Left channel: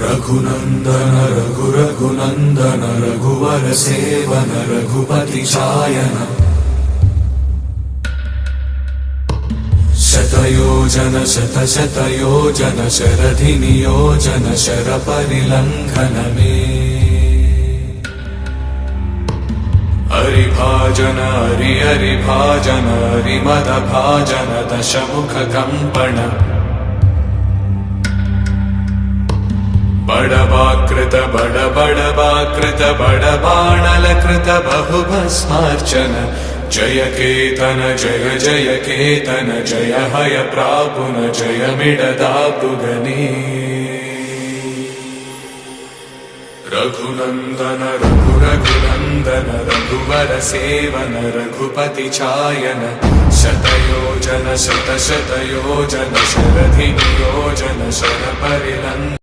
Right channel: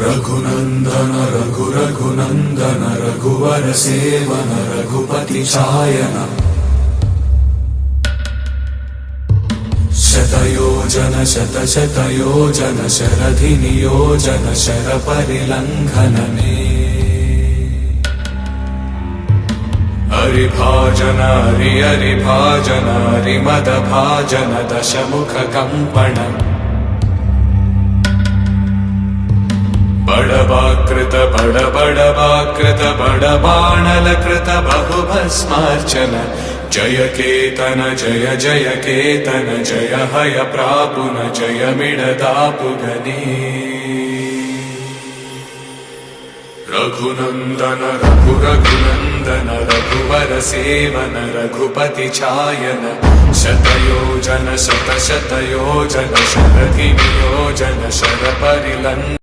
रघुनंदन रघुनंदन रघुवर seven Raghupati चायन शतयोजन शतशतयोजन शरधि नियोजन sir परिलंघन हरिभाजन हरिभाजन हरिमद भाजन दशमुख कंपन बड़वाकृत बड़वाकृत बड़बाणलकृत बहुभस्मार्चन जय केतन जय जय केतन जय हय प्रापुन जय मिडदापुगनी रघुनंदन रघुनंदन रघुवर सेवन रघुपति चायन शतयोजन शतशतयोजन शरधि नियोजन शर परिलंघन